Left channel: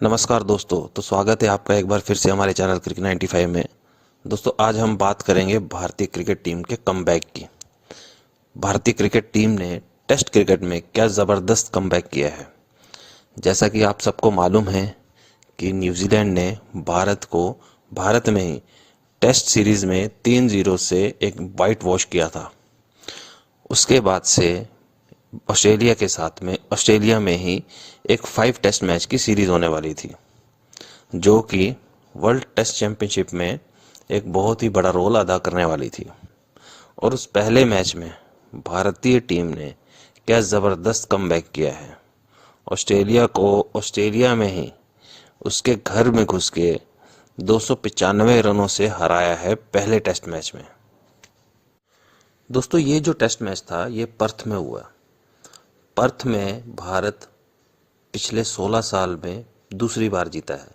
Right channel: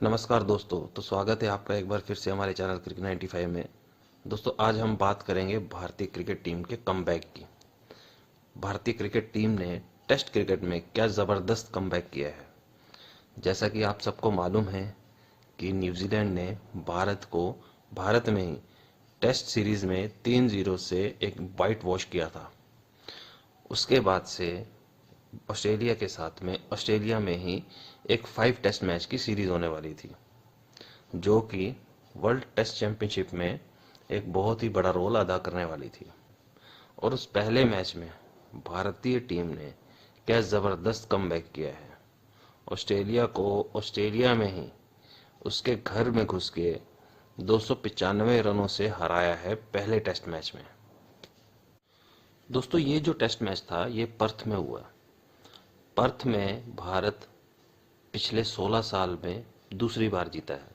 नमस्कार दोस्तों। तो स्वागत है आपका एक बार फिर से हमारे चैनल क्रिकेट 95 में। दोस्तों, आज हम बात करेंगे भारतीय क्रिकेट टीम के कमबैक की। भारतीय क्रिकेट टीम ने टेस्ट क्रिकेट में क्या ज़बरदस्त कमबैक किया है। जैसा कि आप सबको मालूम है कि न्यूजीलैंड ने भारत को भारत में ही टेस्ट सीरीज़ में 3-0 से एक वाइट वॉश किया था। उसके बाद से ऑस्ट्रेलिया के साथ में ऑस्ट्रेलिया में ही एक 5 टेस्ट मैच की सीरीज़ होने वाली थी, जो कि वर्ल्ड टेस्ट चैंपियनशिप में एक बहुत ही बड़ा रोल अदा करने वाली थी। और उस पहले मैच में भारतीय टीम ने क्या ज़बरदस्त कमबैक किया है। ऑस्ट्रेलिया को ऑस्ट्रेलिया में ही उसके घर में घुस के 295 रनों से हराया है पहले टेस्ट मैच में। दोस्तों, ये जो टेस्ट मैच था ये पर्थ में हुआ। पर्थ में भारत पिछले 16 साल में दूसरी बार जीता है।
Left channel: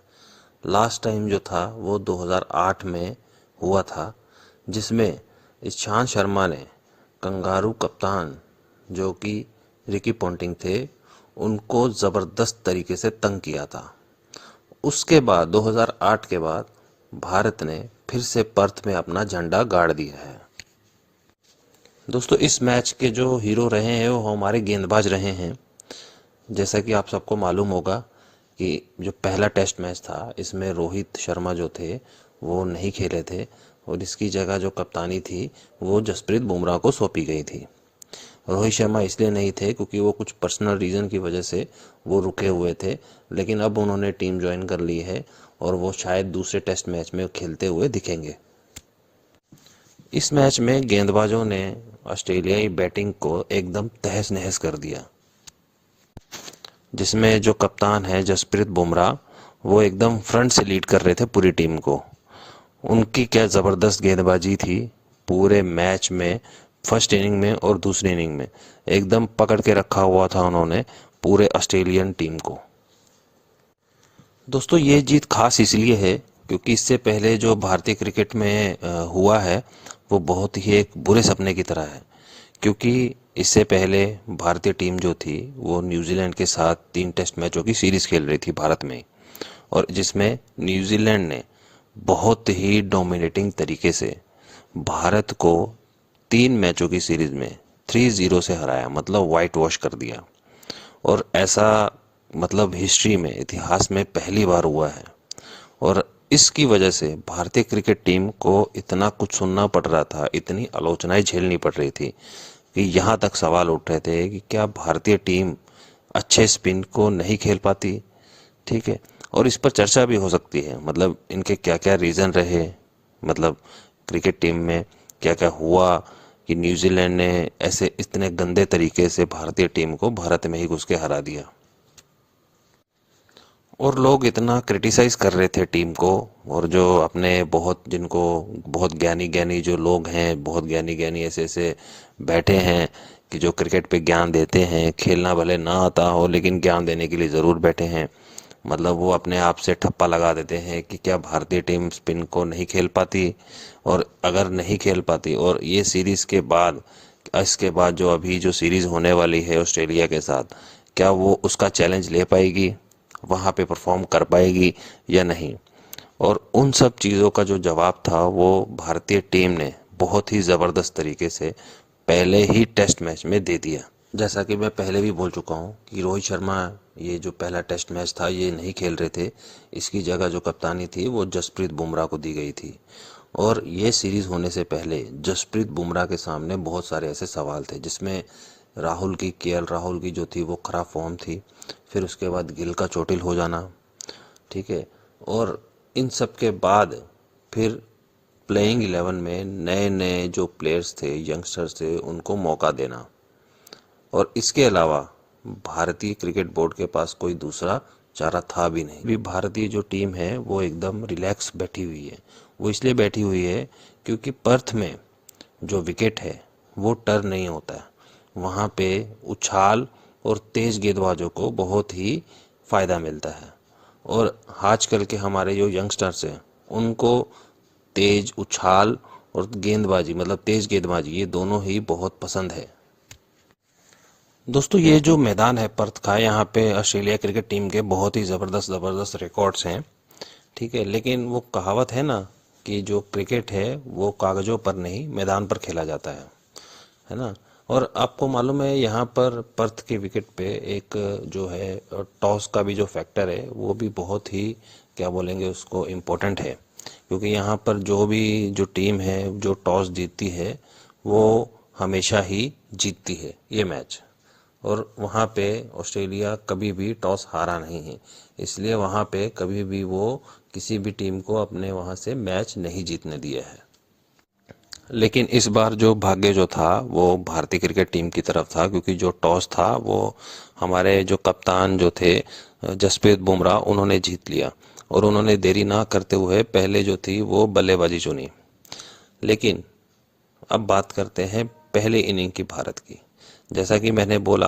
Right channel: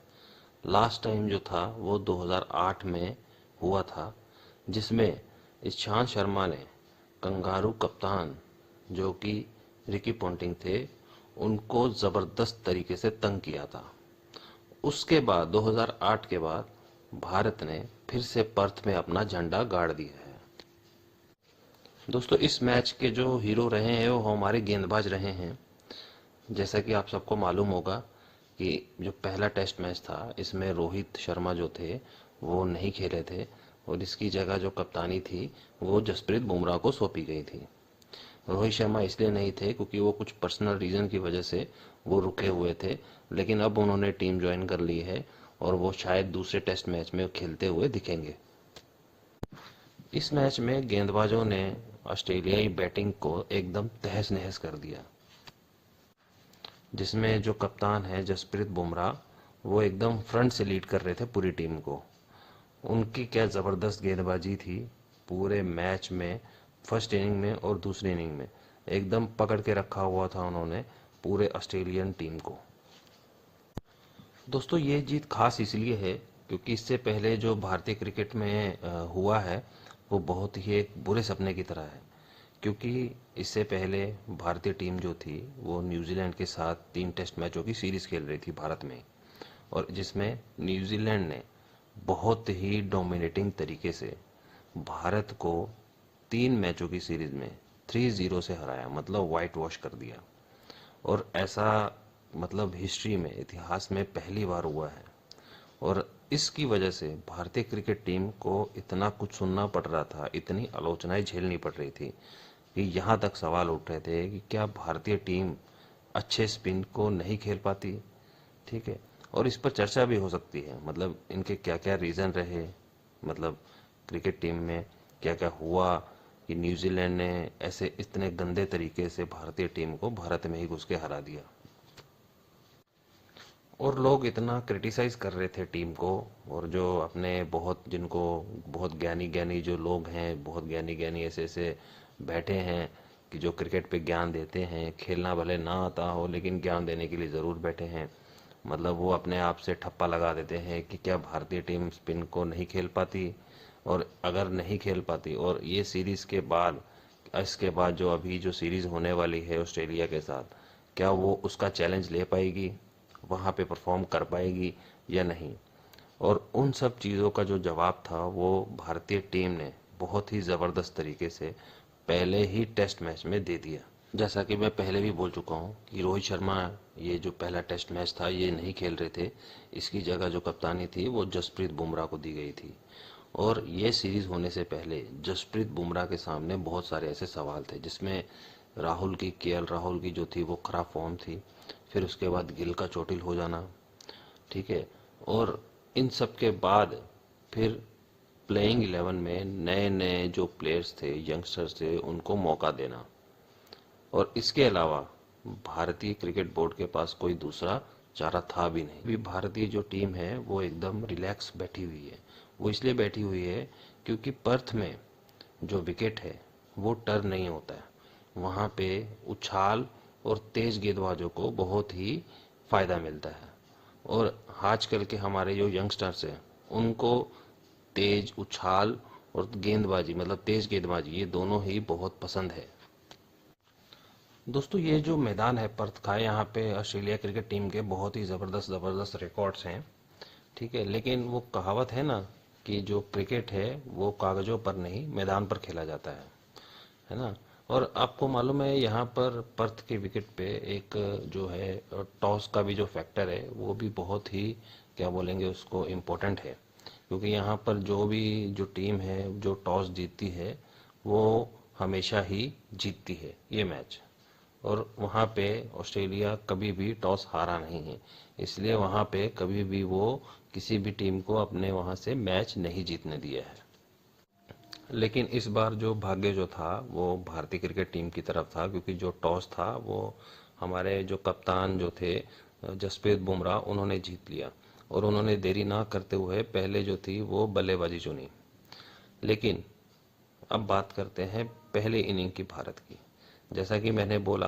लास्ट टाइम जो था वो 2008 में हुआ था, जिसमें ईशांत शर्मा ने कंगारू कप्तान जो कि रिकी पॉन्टिंग थे उनको ज़बरदस्त तरीके से तंग किया था। उसके बाद 2008 के बाद भारत ने फिर से पर्थ में अपना झंडा गाड़ दिया है। दोस्तों, इस मैच के जो हीरो रहे हैं वो हमारे गेंदबाज रहे हैं। जैसा कि आप सबको मालूम होगा कि जो पहला टेस्ट मैच था इसमें रोहित शर्मा जो थे वो नहीं खेले थे और इसकी जगह जो कप्तानी थी वो जसप्रीत बुमराह को सौंपी गई थी। रोहित शर्मा इसलिए नहीं थे क्योंकि वो कुछ पर्सनल रीज़न की वजह से वो रुके हुए थे, लेकिन अब उन्होंने टीम ज्वाइन कर ली है और वो शायद दूसरे टेस्ट मैच में खेलते हुए दिखेंगे। इस मैच में गेंदबाजों ने ऑस्ट्रेलियाई बैटिंग को एकदम तहस नहस कर दिया, जिसमें जो कप्तान है जसप्रीत बुमराह वो एकदम फ्रंट से लीड कर रहे थे पूरी टीम को। उनकी क्या ज़बरदस्त गेंदबाजी थी पूरे मैच में। फर्स्ट इनिंग में और दूसरी इनिंग में एकदम पकड़ के रखा हुआ था उन्होंने पूरे ऑस्ट्रेलियन टीम को। दोस्तों, ये जीत खास इसलिए है क्योंकि इससे पहले जो भारतीय क्रिकेट में हुआ है वो बहुत ही एक बुरे सपने की तरह है। क्योंकि इससे पहले भारतीय टीम जो थी वो न्यूजीलैंड के साथ 3 टेस्ट मैचों की सीरीज़ खेल रही थी भारत में, और जिसमें न्यूजीलैंड ने बहुत ही डोमिनेटिंग तरीके से भारत को 3 मैचों की सीरीज़ में 3-0 से हराया, मतलब वाइट वॉश कर दिया। और ऐसा मतलब हिस्ट्री में, इतिहास में पहली बार हुआ है। और इसकी वजह से भारतीय क्रिकेट टीम को इतना कुछ सुनना पड़ रहा था, इतनी आलोचनाएं झेलनी पड़ रही थी कि यहाँ तक सवाल उठ रहे थे कि क्या भारतीय टीम अच्छे स्पिन को नहीं खेल पाती। ठीक है, और इस पर चर्चा भी हो सकती है, मतलब इनके क्या क्या रीज़न रहे, मतलब क्रिकेट टीम में क्या क्या हुआ कि न्यूजीलैंड ने ऐसे इतने गंदे तरीके से भारतीय टीम को भारत में ही घुस के हरा दिया। और लोग इतना क्रिटिसाइज़ कर रहे थे टीम को, और जो अपने बहुत जिनको बहुत ज्ञानी ज्ञानी जो लोग हैं, बहुत ज्ञानी ज्ञानी ऐसे ऐसे बैठे हैं कि जो क्रिकेट पे ज्ञान देते हैं, खेलना भले ना आता हो लेकिन ज्ञान देने के लिए ज़रूर बैठे हैं। मतलब वो अपने आप से ठप्पा लगा देते हैं कि क्या भारतीय टीम स्पिन को नहीं खेल पाती, और अगर नहीं खेल पाती और ये सीरीज़ के बाद, इसके बाद जो अभी जो सीरीज़ होने वाली है ऑस्ट्रेलिया के साथ, क्या वो उसका चैलेंज ले पाएगी, वहाँ पे परफॉर्म कर पाएगी या नहीं। और उन सब चीज़ों का जो जवाब था वो भारतीय टीम ने बहुत ही ज़बरदस्त तरीके से पहले ही टेस्ट मैच में दे दिया। जैसा कि मैं पहले भी बोल चुका हूँ कि रोहित शर्मा ये जो पहला टेस्ट मैच था ये नहीं खेल रहे थे। इसकी जगह जो कप्तानी थी वो जसप्रीत बुमराह को दी गई थी। और ये सीरीज़ होने से पहले जसप्रीत बुमराह के सामने बहुत सारे ऐसे सवाल थे, जिसमें राहुल की जो थी वो ख़राब फॉर्म थी, फिर उसके बाद गिल का चोटिल हो जाना, ठीक है, और इन सब के बाद फिर प्लेइंग 11 में नए नए जो प्लेयर्स थे, यंगस्टर्स थे, उनको मौका देना। और इसके अलावा भारतीय क्रिकेट बोर्ड के पास कोई दूसरा चारा था भी नहीं। भी भारतीय जो टीम है वो एकदम रिलैक्स बैठी हुई है। वो इसलिए बैठी हुई है क्योंकि पर्थ में जो विकेट है वो टर्न नहीं होता है। वहाँ पे उछाल और तेज़ गेंदबाजों को बहुत ही फ़ायदा मिलता है। और आजकल के हमारे जो यंगस्टर्स हैं उनको तेज़ उछाल और गेंदबाजी, मतलब तेज़ गेंदबाजी, ये दोनों ही बहुत पसंद है। दोस्तों ये जो मैदान है पर्थ का, यहाँ पे ऑस्ट्रेलिया क्रिकेट टीम के बहुत ही ज़बरदस्त ज़बरदस्त रिकॉर्ड्स हैं। ठीक है, लेकिन वो कहावत है ना कि जो क्रिकेट है वो कागज़ों पर नहीं मैदान पर खेला जाता है ना। और आपको मालूम है यहाँ पर पर्थ के विकेट पे एक जो है टॉस का भी जो फैक्टर है वो भी बहुत ही, क्या बोलेंगे उसको, इम्पोर्टेंट है। क्योंकि यहाँ पर जो भी जो टीम है जो टॉस जीतती है वो हमेशा ही जीतती है ये मैच। और वहाँ पे ऑस्ट्रेलिया कभी भी टॉस हारा नहीं है, इसलिए वहाँ पे कभी भी वो किसी भी टीम को अपने वहाँ से मैच नहीं जीतने दिया है। लेकिन इस बार जो भाग्य जो था वो भारतीय क्रिकेट टीम की तरफ था, क्योंकि जो टॉस था वो हमारे जो कप्तान जो थे जसप्रीत बुमराह, उन्होंने जीत लिया। और उन्होंने देरी ना करते हुए पहले जो थी वो बल्लेबाजी चुनी। लेकिन अब बात करते हैं पहले इनिंग की भारत की। जैसा कि मैंने बोला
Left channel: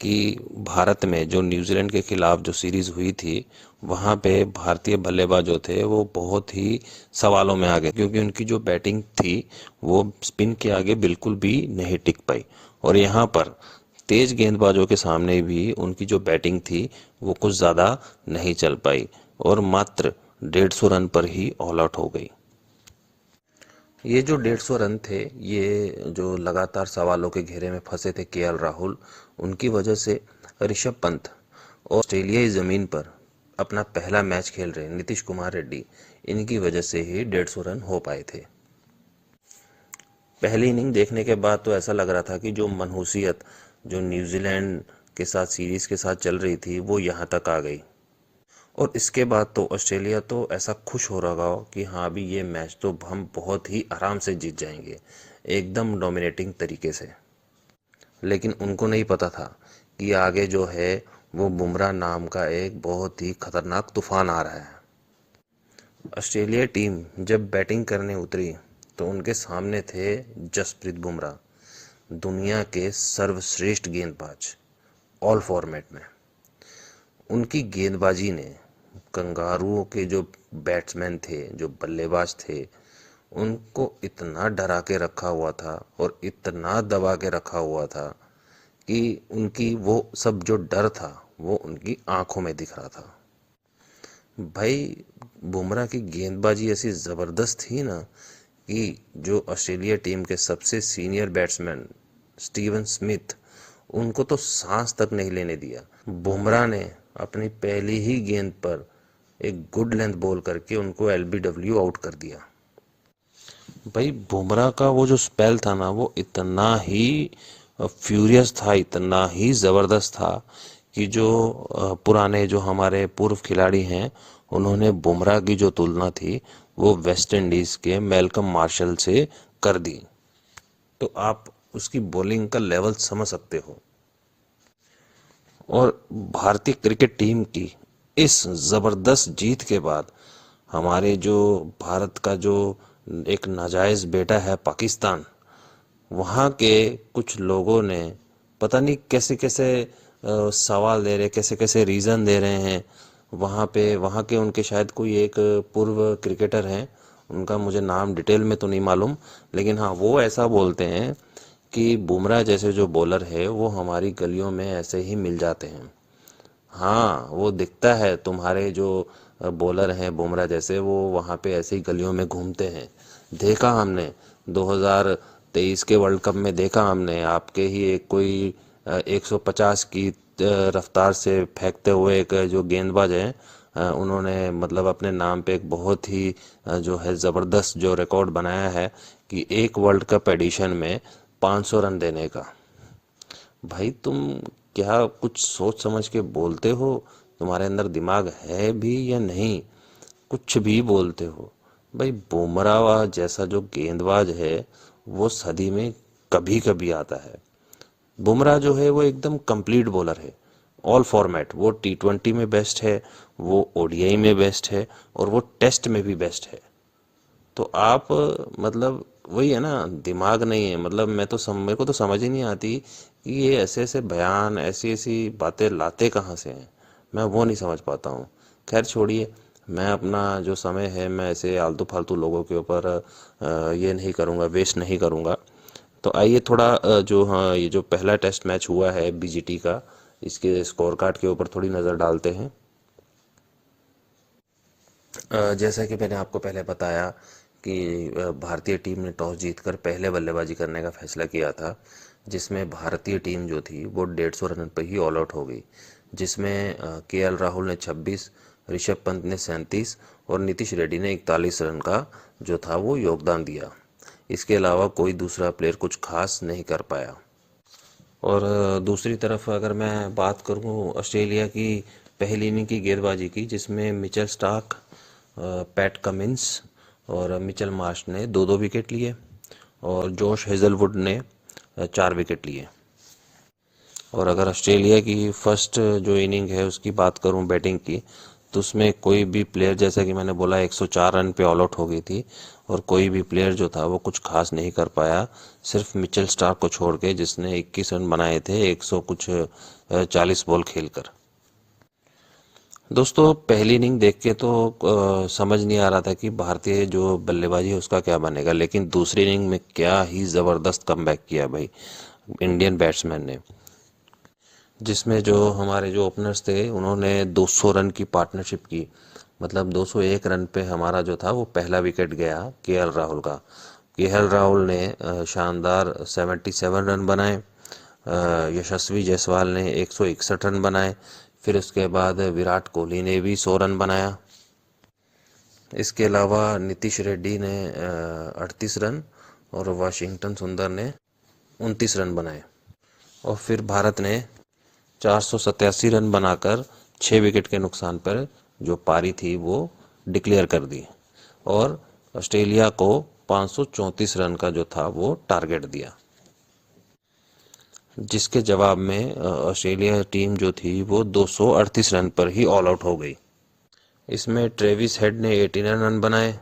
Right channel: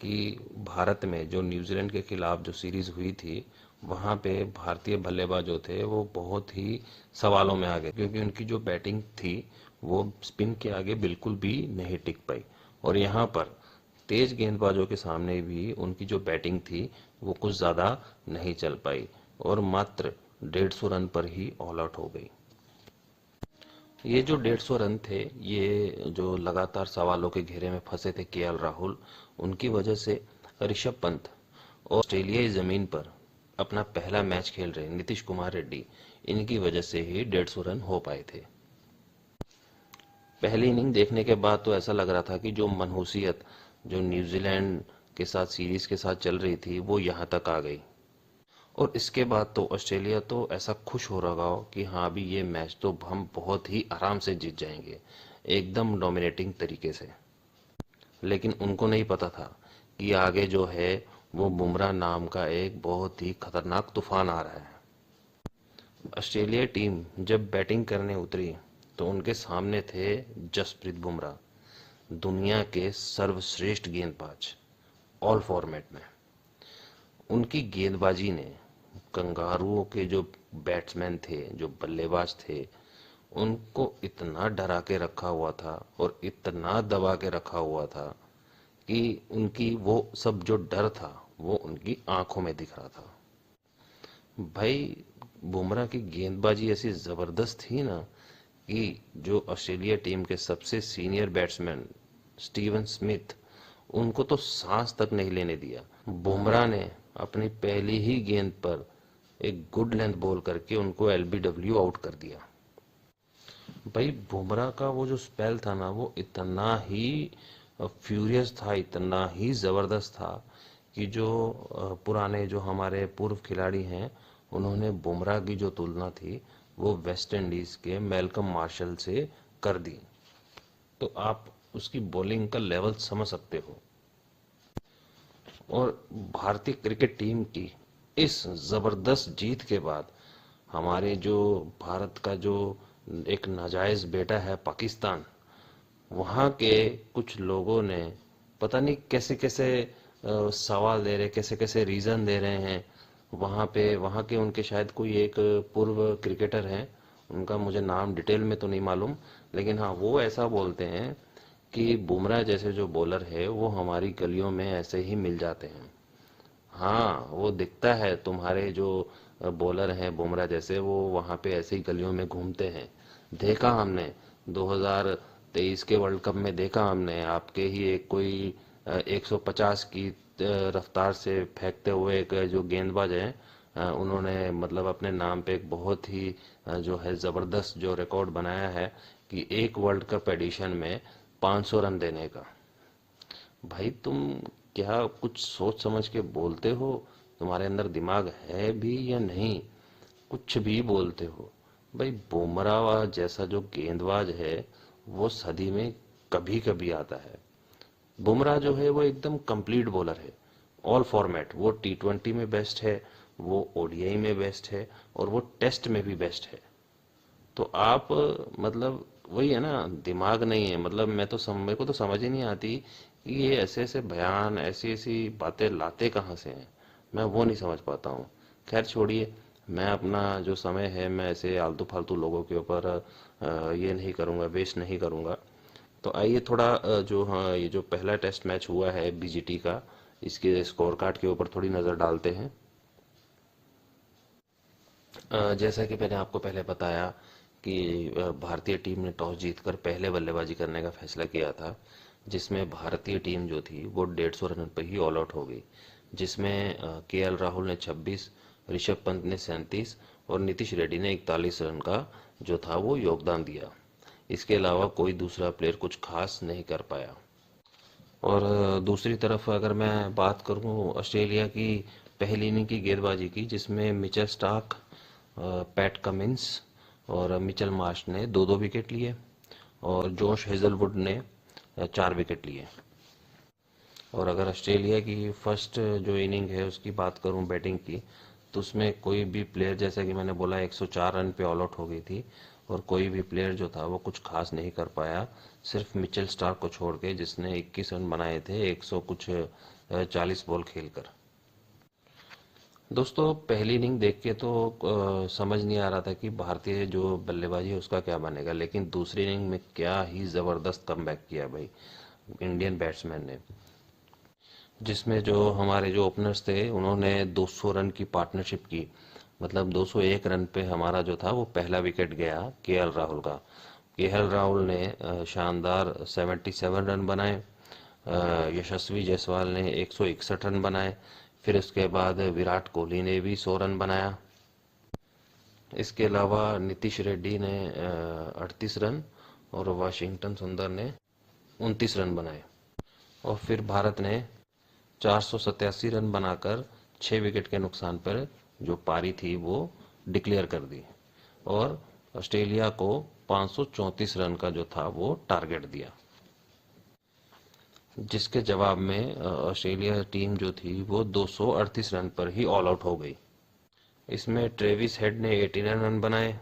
कि भारत में जो न्यूजीलैंड के खिलाफ जो सीरीज हुई थी वहाँ पे भारतीय बल्लेबाज जो थे वो बहुत ही सवालों में आ गए, क्योंकि उनकी जो बैटिंग थी वो स्पिन के आगे बिल्कुल भी नहीं टिक पाई। और यहाँ पर तेज गेंदबाजों के सामने भी उनकी जो बैटिंग थी वो कुछ ज़्यादा नहीं चल पाई और मात्र 150 रन पर ही ऑल आउट हो गई। ये जो 150 रन थे, ये जो लगातार सवालों के घेरे में फंसे थे केएल राहुल, उनकी वजह से ऋषभ पंत ऑस्ट्रेलियाई ज़मीन पर अपना पहला मैच खेल रहे नीतीश कुमार रेड्डी, इनकी वजह से ही 150 रन हो पाए थे। पहली इनिंग देखने के बाद तो ऐसा लग रहा था कि जो मनहूसियत जो न्यूजीलैंड के साथ सीरीज के साथ चल रही थी वो यहाँ तक आ गई। और इसके बाद तो ऑस्ट्रेलिया तो ऐसा खुश हो रहा हो कि हाँ अभी ये मैच तो हम बहुत ही आराम से जीत जाएंगे, एकदम डोमिनेटिंग तरीके से। लेकिन उनको नहीं पता था कि आगे जो है वो बुमराह नाम का एक बहुत ही खतरनाक तूफान आ रहा है। ऑस्ट्रेलिया टीम जब बैटिंग करने उतरी तो उनके सामने थे जसप्रीत बुमराह, दुनिया के सर्वश्रेष्ठ गेंदबाज ऑल फॉर्मेट में। उनकी गेंदबाजी ने कंगारुओं के जो बैट्समैन थे जो बल्लेबाज थे उनको इतना डरा के रखा हुआ था और इतना दबा के रखा हुआ था कि उनकी वो सब जो डर था वो उनकी आंखों में दिख रहा था। भाई बुमराह की गेंदबाजी ऐसी ज़बरदस्त थी ना कि जो ऑस्ट्रेलिया टीम के सबसे सीनियर बैट्समैन स्टीवन स्मिथ, उनको तो सांस तक नहीं लेने दिया। बुमराह ने अपनी पहली ही गेंद पर एक गुड लेंथ बॉल करके उनको एलबीडब्ल्यू आउट कर दिया। भाई बुमराह का वो जो स्पेल था ना वो इतना ही फ्यूरियस था, इतना ही ज़बरदस्त था कि जो पुराने जो हमारे पूर्व खिलाड़ी हैं उन्होंने बुमराह की जो तुलना थी वो वेस्ट इंडीज़ के मैल्कम मार्शल से कर दी। तो आप उसकी बॉलिंग का लेवल समझ सकते हो। और भारतीय क्रिकेट टीम की इस ज़बरदस्त जीत के बाद हमारे जो भारत का जो एक नाजायज़ बेटा है पाकिस्तान, वहाँ के कुछ लोगों ने पता नहीं कैसे कैसे सवाल दे रहे, कैसे कैसे रीज़न दे रहे हैं। वहाँ पे वहाँ के उनके शायद कोई एक पूर्व क्रिकेटर हैं, उनका मुझे नाम डिटेल में तो नहीं मालूम, लेकिन हाँ वो ऐसा बोलते हैं कि बुमराह जैसे जो बॉलर है वो हमारी गलियों में ऐसे ही मिल जाते हैं। हाँ वो दिखता है तुम्हारे जो बॉलर हैं बुमराह जैसे, वो वहाँ पे ऐसे ही गलियों में घूमते हैं। देखा हमने 2023 के वर्ल्ड कप में, देखा हमने आपके ही एक कोई 150 की रफ्तार से फेंकते हुए एक जो गेंदबाज है, उन्होंने मतलब अपने नाम पे एक बहुत ही जो है ज़बरदस्त जो रिकॉर्ड बनाया है कि एक वर्ल्ड कप एडिशन में 500 रन देने का। भाई तुम क्या कुछ सोच समझ के बोलते हो? तुम्हारे अंदर दिमाग है भी या नहीं? कुछ भी बोलते हो। भाई बुमराह जैसा जो गेंदबाज है वो सदी में कभी कभी आता है। बुमराह जो है वो एकदम कंप्लीट बॉलर है, ऑल फॉर्मेट। वो टी20 में बेस्ट है, वो ओडीआई में बेस्ट है और वो टेस्ट में भी बेस्ट है। तो आप मतलब वही है ना, दिमाग नहीं है। मतलब मेरे को तो समझ ही नहीं आती कि ये ऐसे ऐसे बयान ऐसी ऐसी बातें लाते कहाँ से हैं, मैं वो नहीं समझ पाता हूँ। खैर छोड़िए, मैं अपना जो समय है मैं ऐसे आलतू फालतू लोगों के ऊपर ये नहीं करूँगा, वेस्ट नहीं करूँगा। तो आइए थोड़ा जो हाँ ये जो पहला टेस्ट मैच हुआ है बीजीटी का, इसके स्कोर कार्ड के ऊपर थोड़ी नज़र डालते हैं। जैसा कि मैंने आपको पहले बताया कि भारतीय टीम ने टॉस जीतकर पहले बल्लेबाजी करने का फैसला किया था, जिसमें भारतीय टीम जो थी वो 150 रन पर ही ऑल आउट हो गई, जिसमें केएल राहुल ने 26, ऋषभ पंत ने 37 और नीतीश रेड्डी ने 41 रन का जो था वो योगदान दिया। इसके अलावा कोई दूसरा प्लेयर कुछ खास नहीं कर पाया। और दूसरी तरफ अगर मैं बात करूं ऑस्ट्रेलिया की पहली इनिंग की गेंदबाजी की, जिसमें मिचेल स्टार्क, पैट कमिंस और मिचेल मार्श ने दो दो विकेट लिए और जोश हेजलवुड ने 4 विकेट लिए। और अगर ऑस्ट्रेलिया की फर्स्ट जो इनिंग है उसकी बात करूं बैटिंग की, तो उसमें कोई भी प्लेयर, जैसा कि मैंने बोला, 104 रन पे ऑल आउट हो गई थी और कोई भी प्लेयर जो था वो कुछ खास नहीं कर पाया, सिर्फ मिचेल स्टार्क को छोड़ के, जिसने 21 रन बनाए थे 100 कुछ 40 बॉल खेलकर। दोस्तों पहली इनिंग देख के तो समझ नहीं आ रहा था कि भारतीय जो बल्लेबाजी है उसका क्या बनेगा, लेकिन दूसरी इनिंग में क्या ही ज़बरदस्त कमबैक किया भाई इंडियन बैट्समैन ने, जिसमें जो हमारे जो ओपनर्स थे उन्होंने 200 रन की पार्टनरशिप की। मतलब 201 रन पे हमारा जो था वो पहला विकेट गया केएल राहुल का। केएल राहुल ने शानदार 77 रन बनाए। यशस्वी जायसवाल ने 161 रन बनाए। फिर उसके बाद विराट कोहली ने भी 100 रन बनाया। इसके अलावा नीतीश रेड्डी ने 38 रन और वाशिंगटन सुंदर ने 29 रन बनाए। और फिर भारत ने 487 रन बनाकर 6 विकेट के नुकसान पर जो पारी थी वो डिक्लेयर कर दी और ऑस्ट्रेलिया को 534 रन का जो था वो टारगेट दिया, जिसके जवाब में ऑस्ट्रेलिया टीम जो थी वो 238 रन पर ही ऑल आउट हो गई। इसमें ट्रेविस हेड ने 89 रन बनाए,